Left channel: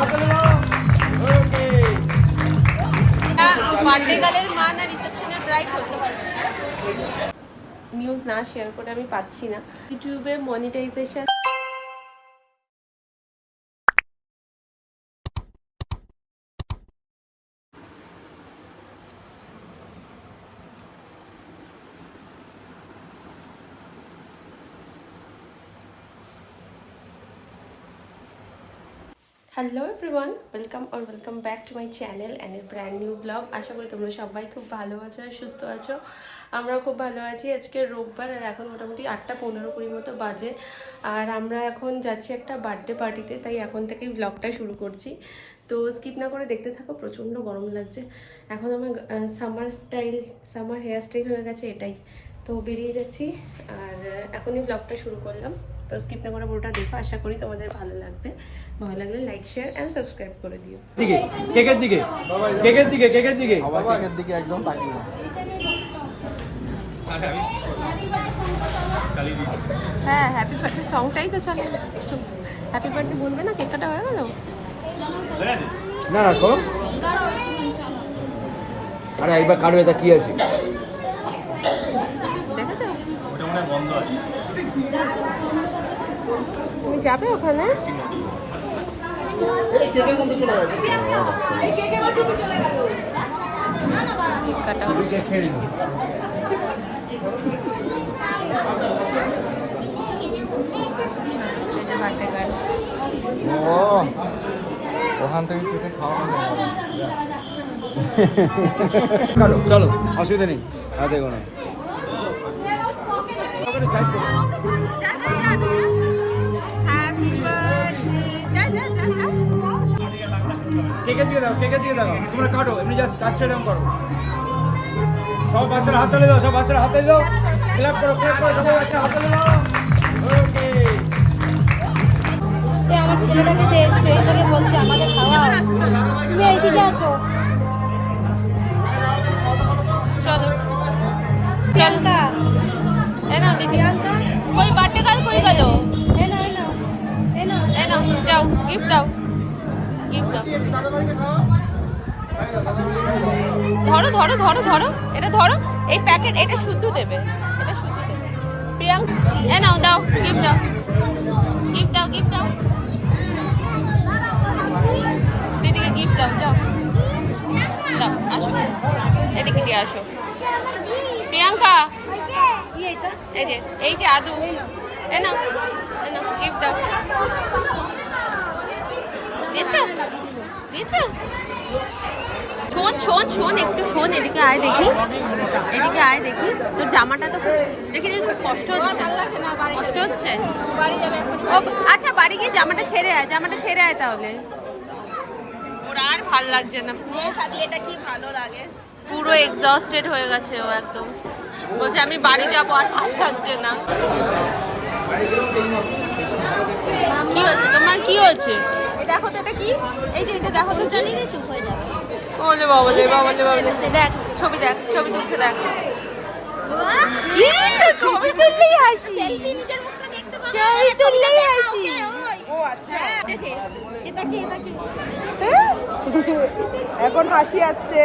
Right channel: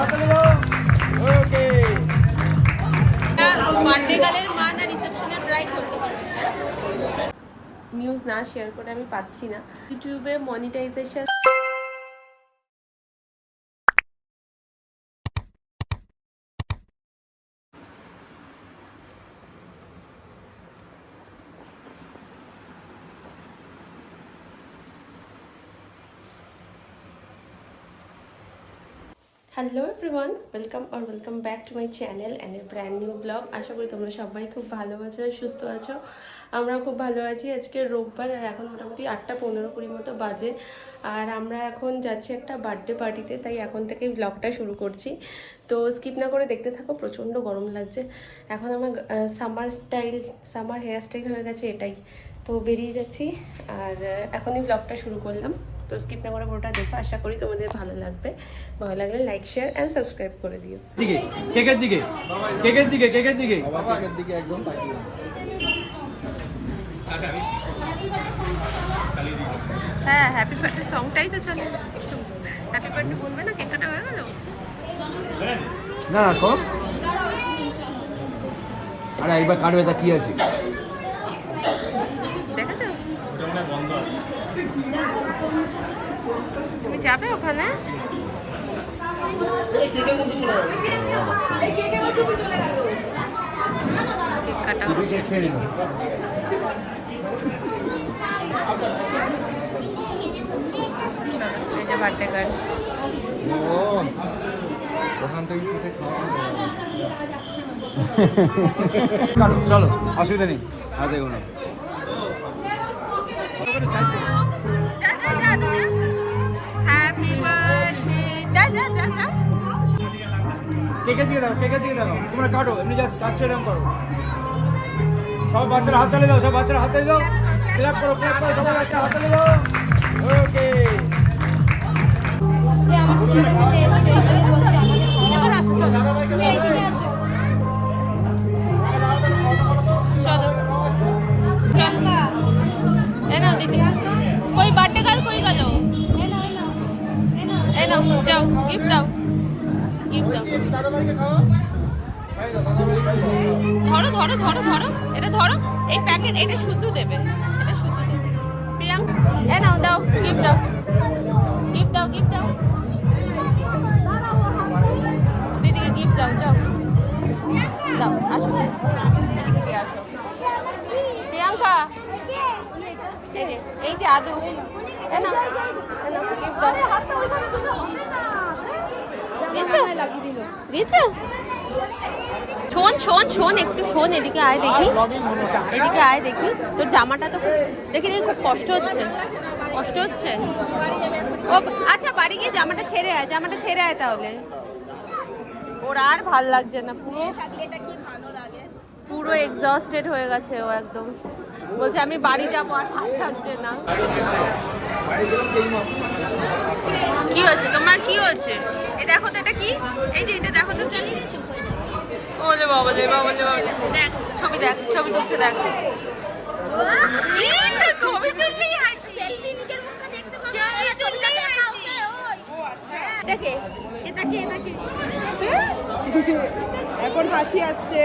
হাততালি দাও বার্থডে গালের মা না রিসেপশনের নিউজ না শেয়ার করে আমি পাচ্ছি না। ইউটিউবে monetization hello everyone welcome R welcome back to my channel and a brand new vlog আশা করি তোমরা সবাই খুব ভালো আছো আর সুস্থ আছো। আমরাও খুব ভালো আছি। আজকে রোববার আর এখন মোটামুটি আটটা পনেরো কুড়ি মতো বাজে। আর আমরা এখন যাচ্ছি একটা বার্থডে পার্টিতে তাই এখন থেকেই ব্লগটা শুরু করছি। তো স্কিপ না করে দেখতে থাকো, প্রচণ্ড গরম লাগছে। এখন আমার summer style summer hair style হয়ে গেছে এটাই। তো বেরিয়ে যাচ্ছি আর এখনই ব্লগটা শুরু করলাম। তো স্কিপ না করে পুরোটা দেখো, আশা করি তোমাদের ভালো লাগবে। ভালো লাগলে লাইক শেয়ার অ্যান্ড সাবস্ক্রাইব করে দিও। দিকে কেকের দিকে কেকের দিকে কেকের দিকে। আবার কেকের দিকে একদম তাকিয়ে। হ্যাঁ হ্যাপি বার্থডে সংটাই তো চলে। হ্যাপি বার্থডে বলবে না কেক কাটা হয়ে গেল? না না আরে একবার কাটবে তা কি আছে? দেখেছ? তুমি যাবে ওখানে? কাটা হচ্ছে বার্থডে গার্ল ও ওখান থেকে কেটে খাওয়া চলো অসুবিধা নেই। হাতে কোনো হ্যাপি কেকের দিকে দেখো কেকের দিকে দেখো। তোমরা কাটো এমনি জাস্ট কাটছো এরকম করো। সব বাচ্চারা হাত তালে দাও সব বাচ্চারা হাত তালে দাও। ক্ল্যাপ করো ক্ল্যাপ করো সবাই বাচ্চা হাত তালে দাও। ওকে ছেলেটাকে সেই থেকে গিফট দাও। ধরো ধরো ধরো ধরো। এটা ধরো, এই প্যাকেট এটা শুদ্ধ দেবে। এটা শুদ্ধ দেবে। প্রিয়াঙ্ক এ নাও, দাও গিফট দাও। গিফট দাও গিফট দাও। দিদিকে গিফট দাও, যাও। দাও, আসো। এদিকে দিয়ে আসো। প্রিয়াঙ্কা, এই যে এই যে আদু। এ নাও এ নাও গিফট দাও। দিয়েছ দিয়েছ শোন শোন শোন একটু শোন এদিকে আয় দেখি। এদিকে আয় দেখি। তোর জামাটা তো দেখি দেখি খুব কষ্ট হচ্ছে। কষ্ট হচ্ছে? ও আচ্ছা বাড়ি গিয়ে জামাটা ছেড়ে আয় জামাটা ছেড়ে আয় তাহলে। ওর আর ভালো লাগছে না পুরো এটা কি ভালো লাগে? পুরো এক্সস্টেড হয়ে গেছে ও একদম। বলছে আমি বাড়ি যাব আর ভালো লাগছে না। কি তোমার কি হচ্ছে এই দেখো তো এটা কি? এই যে এটা দেখো তো। চালিয়ে দিয়ে চুপ হয়ে যাবে ওলে বাবলে বাবলে বাবলে দেখ ছবি দেখ ছবি তুলছে দেখ। কি তো ছবি তুললেই হাসি। ছবি তুললেই হাসি। দেখে এটা কি এখন হাসি আসছে।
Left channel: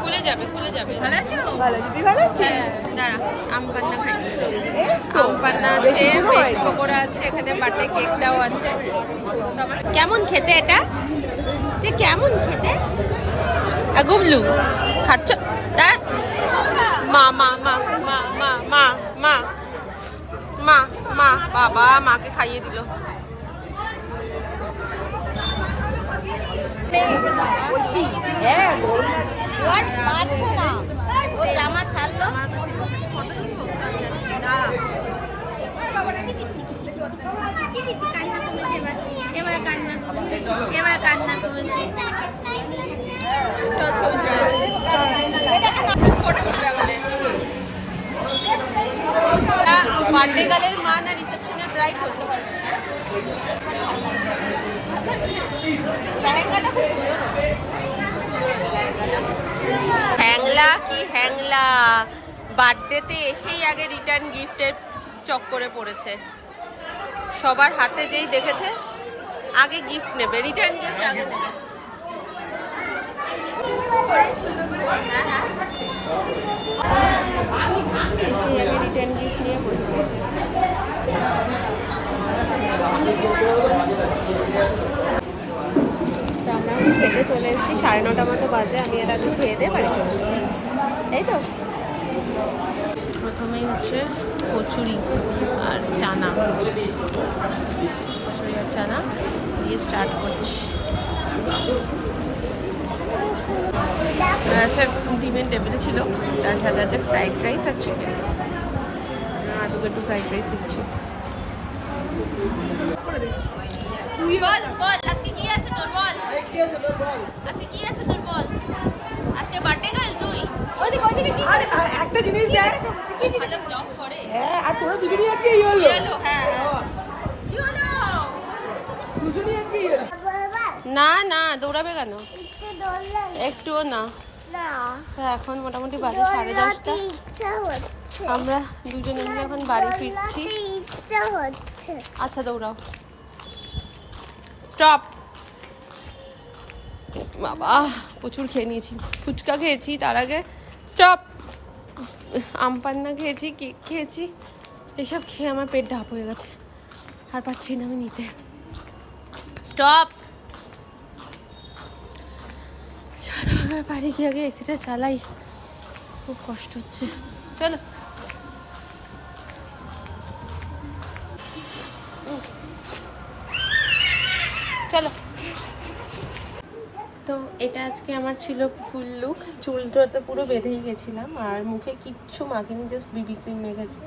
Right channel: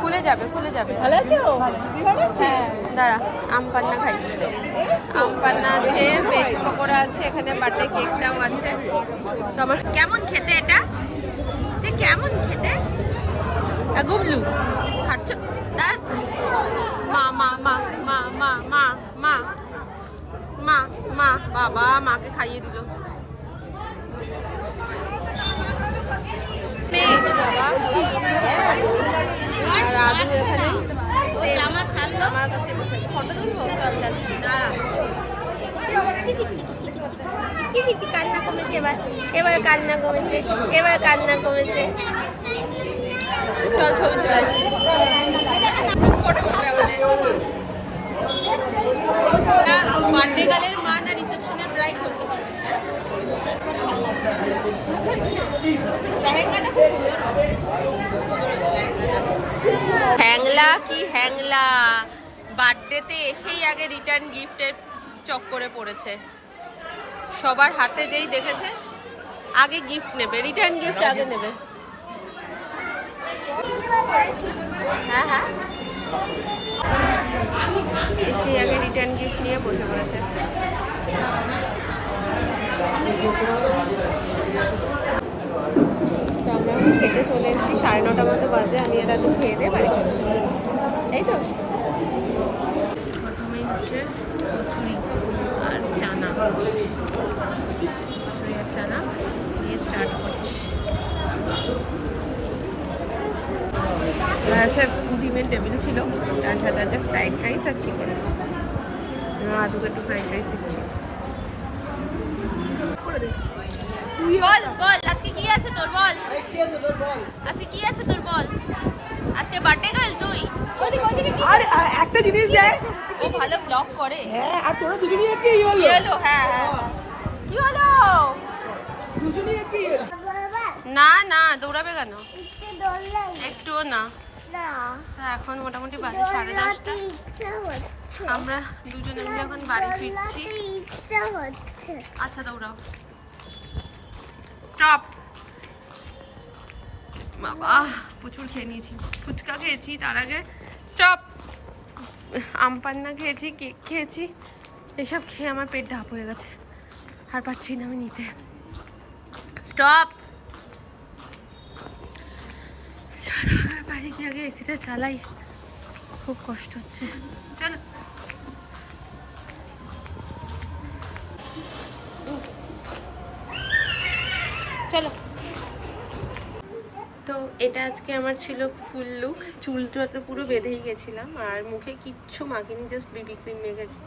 খুলে যাবে খুলে যাবে। ভালো আছো? দাঁড়া, আম পান্না খাই। আম পান্না আছে ভেজ পকোড়া আছে, এখানে বার্থডে কেকটাও আছে। তো আমার কেমন খেতে এটা? যে কেমন খেতে? গুবলু, খাচ্ছ? দাঁড়া। মা মা মা মা মা মা মা মা, বাবা, মাকে খাইয়ে দিল আমার কাছে ফটো তুলবো সব লাগছে এবার কান্না কমেছে এবার কান্না কমেছে। চল বার্থডে গালের মা না রিসেপশনের ব্রাইড বলতে পারবেন না লেহেঙ্গাটা খুব সুন্দর হয়েছে। সুন্দর হয়েছে লেহেঙ্গাটা। হ্যাংলা কি হ্যাংলা বার্থডেতে এসেই আগে রিটার্ন গিফটের চক্করে পড়েছে সবার হাতে যেই দেখেছে আগে গিফট নেবে রিটার্ন গিফট আগে নেবে হ্যাঁ হ্যাঁ এসে আগে রিটার্ন গিফট নিয়ে বসে রয়েছে তো আমরা খেতে চলে এসেছি, সাড়ে নটা মতো বাজে, আমি এর আগে খেয়ে দিয়ে বাড়ি চলে যাব। তাই তো। প্রথমেই হচ্ছে কচুরি আর চানা। কচুরি আর চানা দিয়ে স্টার্ট করছি। আচ্ছা ডিমের টেবিল ছিল। তার সাথে আছে ফ্রাইড রাইস আর চিকেন আদুকে একটু ফ্রাইড রাইস দিচ্ছি। তুই বল বল আজকে কি আছে তোর বল? আজকে কি আছে তোর বল? আজকে বার্থডে গার্ল তুই? ওইদিকে ওইদিকে কি একটা জিনিস খুব ভালো ব্লগ করে। কি হলো? হ্যাঁ হ্যাঁ না না দৌড়াবে কেন? একটুও না। এখন মোটামুটি বাজে সাড়ে দশটা। আমরা দুজনে মিলে এখন বাড়ি ফিরছি। আচ্ছা দৌড়াও। স্টপ। বাবা প্রচুর খেয়ে নিয়েছি। ফুচকা খেয়েছি তার আগে স্টপ। আম পান্না খেয়েছি কেক খেয়েছি। এসব খেয়ে আমার পেট ঢাপ হয়ে গেছে। আর পাচ্ছি না আমি নিতে। স্টপ। বাড়ি গিয়ে আগে এসিটা চালাই। খুব কষ্ট হচ্ছে। চলো। চলো। তো এটা আজকে আমার ছিল ফুল লুক চুলটা তো পুরো বেঁধেই গেছিলাম। আর মুখে কিচ্ছু মাখিনি জাস্ট বিবি ক্রিম মেখেছি।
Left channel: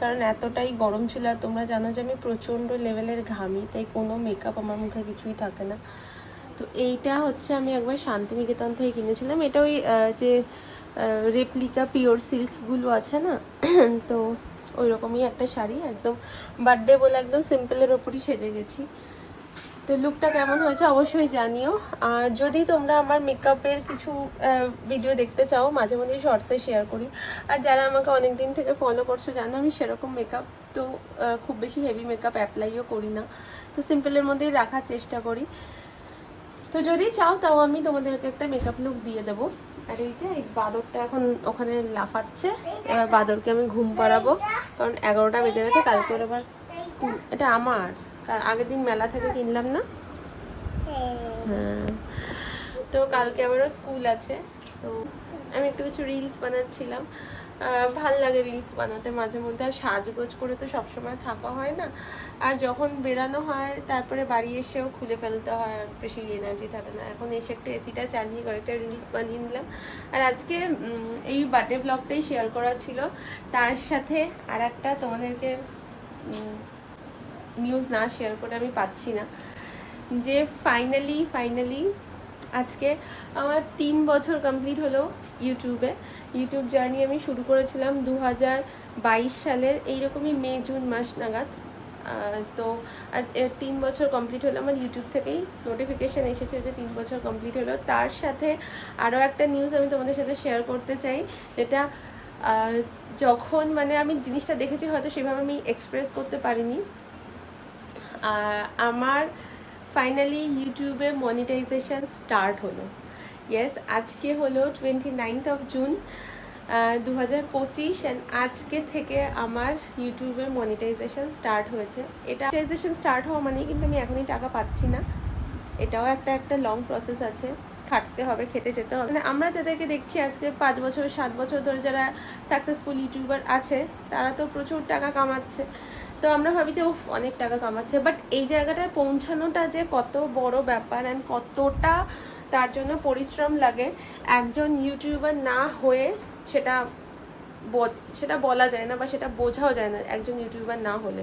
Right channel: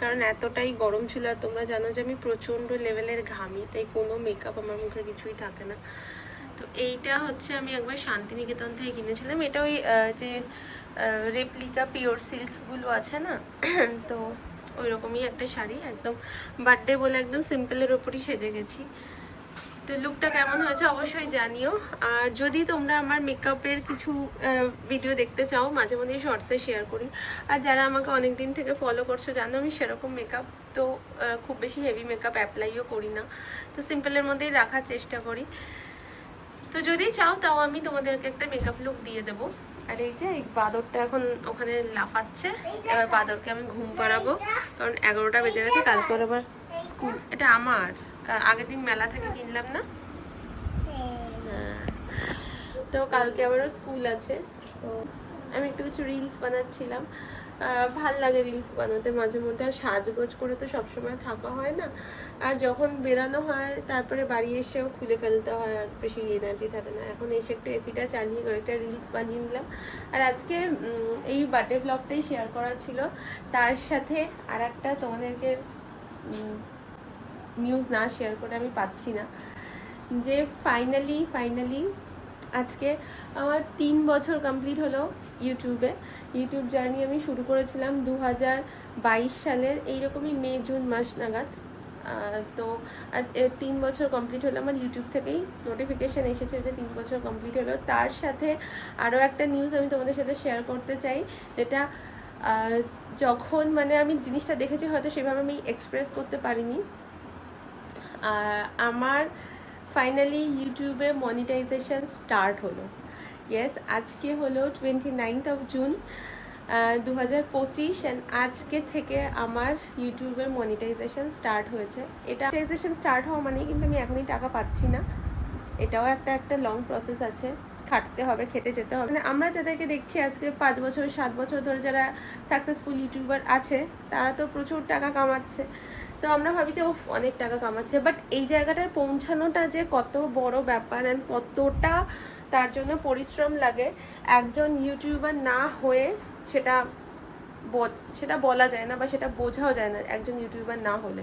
কারণ এতটাই গরম ছিল, আর তোমরা জানো যে আমি প্রচণ্ড লেভেলের ঘামি, তাই কোনো মেকআপ আমার মুখে কিছুই থাকে না। তো এইটা হচ্ছে আমি একবার শান্তিনিকেতন থেকে কিনেছিলাম। এটা ওই যে রেপ্লিকা পিওর সিল্কগুলো আছে না? তো ওই রকমই একটা শাড়ি, একদম বার্থডে বলে একদম সিম্পলের ওপরই সেজে গেছি। তো লুকটা কেমন হয়েছে অবশ্যই জানিও। আর যদি তোমরা আমার মেকআপের কিছু ভিডিও দেখতে চাও, মাঝে মধ্যেই শর্টসে শেয়ার করি। আর যারা আমাকে অনেক দিন থেকে ফলো করছ, জানো আমি সেরকম মেকআপ তো খুব বেশি হেভি মেকআপ অ্যাপ্লাইও করি না। তো সিম্পলের মধ্যেই রাখার চেষ্টা করি। তো যদি চাও, তাও আমি তোমাদেরকে একটা মেকআপ লুক দিয়ে দেবো। আর এই যে, এই বাদরটা এখন ওখানে লাফাচ্ছে। আর বাদরকে আমি ঘুম পাড়াবো। কারণ এগারোটা বেজে গেছে, কালকে আবার স্কুল এটা আমার। আগের দিন মেলা থেকে কিনলাম না? হুম। তো কালকে আবারও স্কুল আছে। তো আমি একটু কিছু রিলস বানাচ্ছিলাম। ভালো লাগে রিলস বানাতে মাঝে মধ্যে। আর সাজগোজ করে তো সবসময় থাকা হয় না। আর যখন বেরানো হয়, তারপরে বাড়ি এসেও খুলে ফেলতে হয়, আর বেশি এনার্জি থাকে না। এখন এসে একটু এসিটা চালিয়ে কয়েকটা রিলস বানিয়ে নিলাম। আর আজকে এই বার্থডে ব্লগটাই শেয়ার করা ছিল। তার সাথে আর একটা তোমাদেরকে নিউজ না শেয়ার করে আমি পাচ্ছি না। যে ফাইনালি ফাইনালি আজকে আমার তিন বছর কমপ্লিট হলো ইউটিউবে ইউটিউব জার্নি আমি শুরু করেছিলাম দু হাজার বাইশ সালের এইরকমই মে, জুন মাস নাগাদ। তো তিন বছর কমপ্লিট হলো আমার ইউটিউব থেকেই। নোটিফিকেশান এসেছে যে তিন বছর কমপ্লিট হলো। তার সাথে আরও একটা নিউজ আমি তোমাদের সাথে শেয়ার করতে চাই। যেটা যখন মানে আমি জিনিসটা দেখেছি হয়তো সেভাবে আমি এক্সপ্রেস করতে পারিনি। আমার ফাইনালি ইউটিউবে মনিটাইজেশন স্টার্ট হলো। ইয়েস আজকে হলো টোয়েন্টি নাইনথ অফ জুন দু হাজার পঁচিশ অ্যান্ড আজকে থেকে আমার ইউটিউবে মনিটাইজেশন স্টার্ট হয়েছে। এটা মনিটাইজেশন স্টার্ট হওয়া মানেই কিন্তু আমি এখনই টাকা পাচ্ছি না। এটাও একটা একটা লং প্রসেস আছে। খাটতে হবে, খেটে যেতে হবে। মানে আমরা যাদেরকে দেখছি আজকে পাঁচ বছর, সাত বছর ধরে যারা সাকসেসফুল ইউটিউবার আছে, তারা তো প্রচুর টাকা কামাচ্ছে। তো আমরা ভাবি যে, উফ, অনেক টাকা কামাচ্ছে। বাট এই জায়গাটায় পৌঁছানোটা যে কত বড় ব্যাপার অ্যান্ড কতটা তার জন্য পরিশ্রম লাগে, একজন ইউটিউবার না হয়ে সেটা সেটা বলা যায় না বা সেটা বোঝাও যায় না, একজন ইউটিউবার না হলে।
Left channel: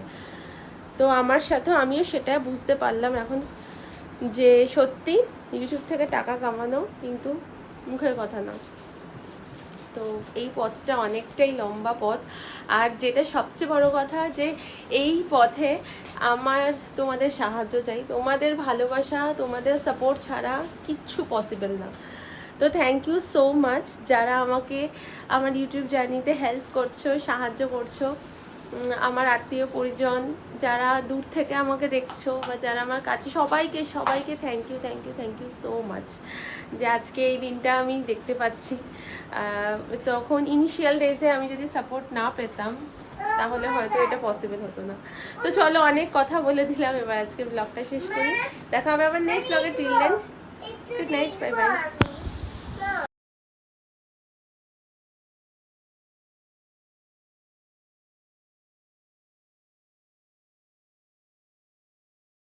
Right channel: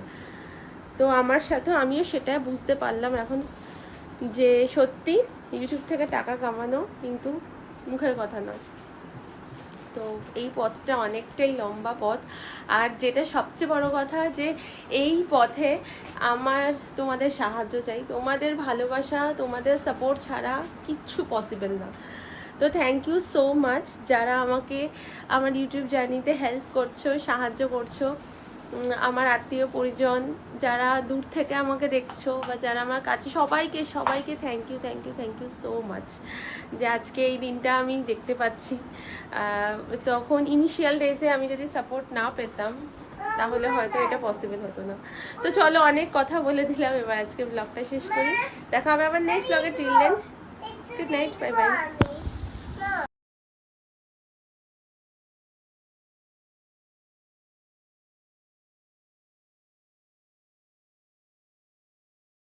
তো আমার সাথেও আমিও সেটা বুঝতে পারলাম এখন যে সত্যি ইউটিউব থেকে টাকা কামানো কিন্তু মুখের কথা নয়। তো এই পথটা অনেকটাই লম্বা পথ। আর যেটা সবচেয়ে বড় কথা যে এই পথে আমার তোমাদের সাহায্য চাই। তোমাদের ভালোবাসা, তোমাদের সাপোর্ট ছাড়া কিচ্ছু পসিবল না। তো থ্যাংক ইউ সো মাচ যারা আমাকে আমার ইউটিউব জার্নিতে হেল্প করছ, সাহায্য করছ। আমার আত্মীয় পরিজন যারা দূর থেকে আমাকে দেখছ বা যারা আমার কাছে, সবাইকে সবাইকে thank you thank you thank you so much যে আজকে এই দিনটা আমি দেখতে পাচ্ছি। তখন ইনিশিয়াল ডেজে আমি যদি সাপোর্ট না পেতাম, তাহলে হয়তো এটা পসিবল হতো না। তো চলো অনেক কথা বলে দিলাম, এবার আজকে ব্লগটা শেষ করি। দেখা হবে আবার নেক্সট ব্লগে till then good night bye bye